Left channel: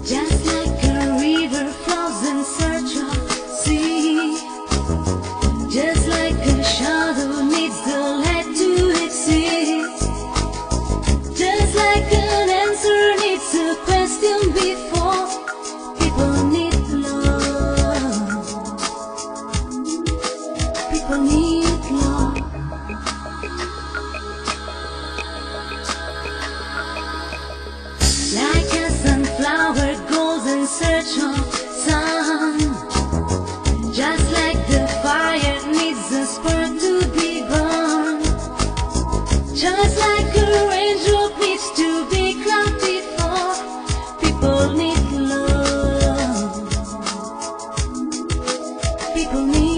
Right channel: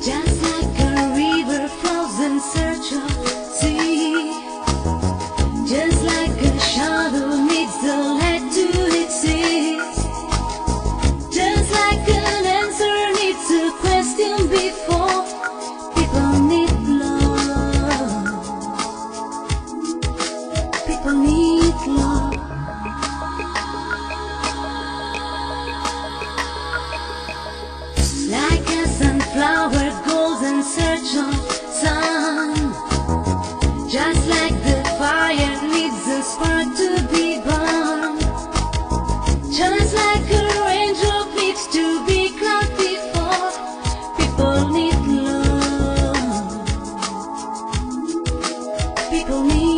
Just like a river flows in search of sea, just like a shadow needs the light to exist, just like an answer needs a question before people need love. People need love. Like a sunflower goes in search of sun, just like the fire needs a spark to be burned, just like a raindrop needs to be caught before people need love. People need